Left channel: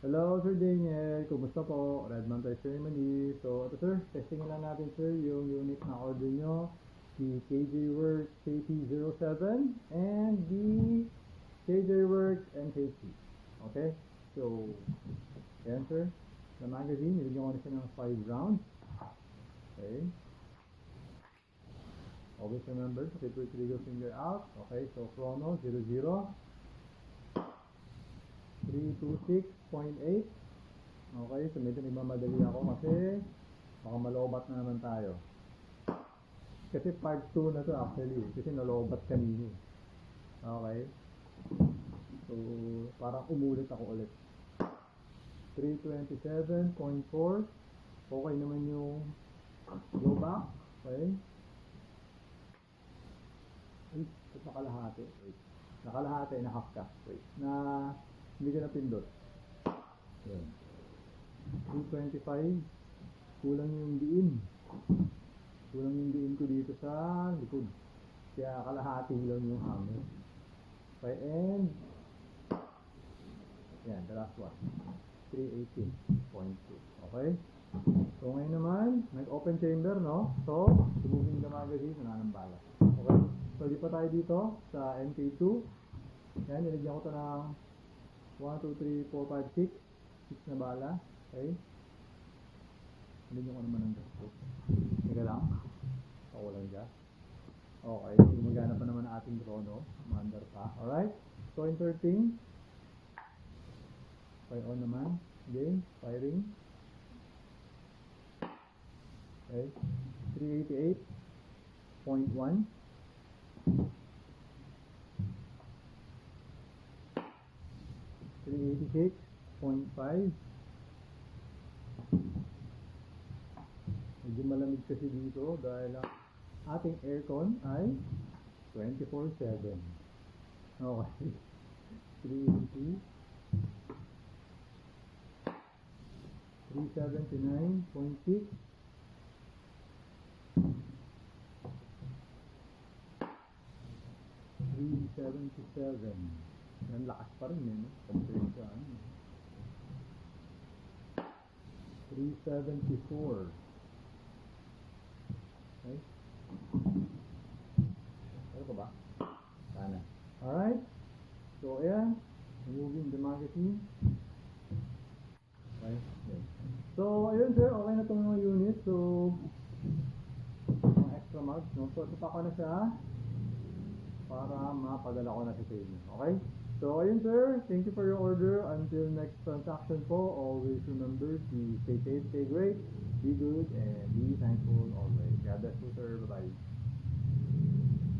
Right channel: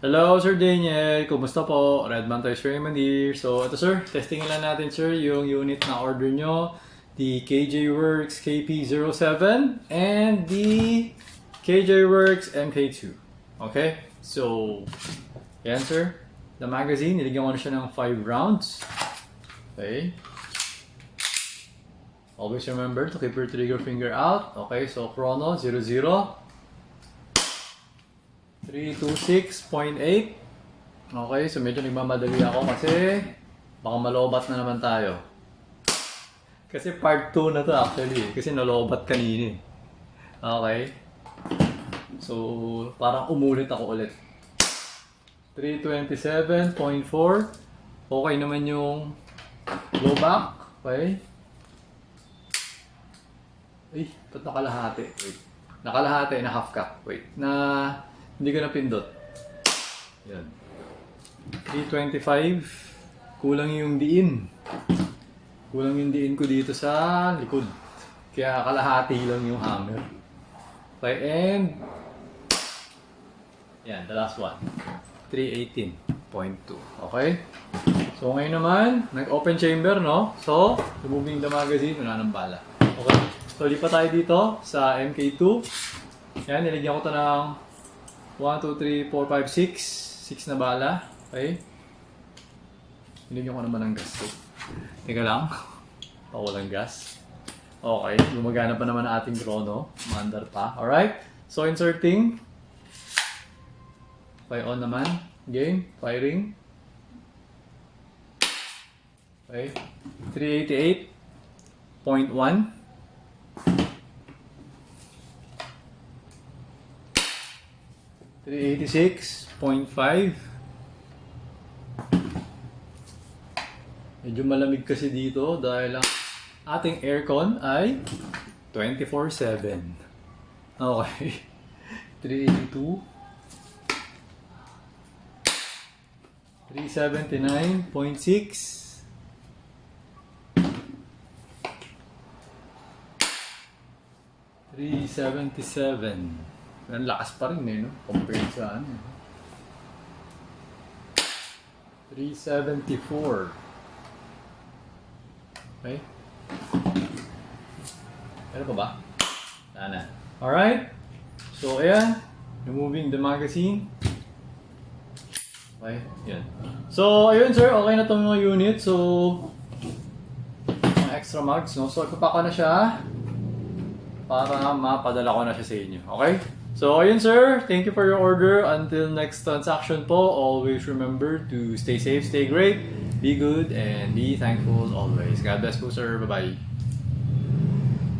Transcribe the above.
Hello, Sir Daniel. Kumusta po? Redman Toys Raymond here. So, ito sir, testingin lang natin sir yung unit na order nyo. The KJ Works KP07 and the KJ Works MK2. Okay? So, yan sir. The magazine, niligyan ko na siya ng 5 rounds. Okay? Always remember to keep your trigger finger out. Okay, so chrono 00. 326.8. Okay, so medyo nagmamadali ako kasi baka malobat na naman tayo. Kasi part 2 na to actually, kasi nalobat kanina. Okay. So, parang umulit ako ulit. 327.4. Okay naman yung low back. Okay. Ay, ba't nakalahati? Wait. Nakalahati na half cup. Wait. Hindi ko napindot. Yan. 325. Kulang yung diin. Kulang yung diin ko dito sa likod. Kaya kalahati lang yung hammer. Okay, and yan, the last one. 318.2. Okay? So ngayon naman, nag-open chamber, no? So, removing the magazine, wala nang bala. Okay? So, lipat tayo dito sa MK2. Yan, nilagyan ko ito ng 1, 2, 3, 4, 5, 6. 6 na bala. Okay? Nilagyan ko naman ng gas. Teka lang. Walang gas. Okay. Gumagana pa naman ang ating chrono. Mandar pa. Alright. So, inserting. Okay, on naman. Game. Firing. Okay. 388.1. 386.5. Medyo malamig kasi dito dahil ang ating aircon ay 24/7. Okay. 382. 379.6. 377. Ang lakas pa rin no? Compared sa ano. 374. Okay? Ano pa ba? Ana. Alright? So, ayan. Removing the magazine. Okay, yan. So, ayun sir, okay na itong mga unit. So, mga extra mags, no? So, ipapaka na siya para mapadala ko na siya sa inyo. Okay? So, ayun sir, thank you for your order. Until next transaction po, always remember to stay safe, stay great, be good, and be thankful always. God bless po sir. Bye-bye.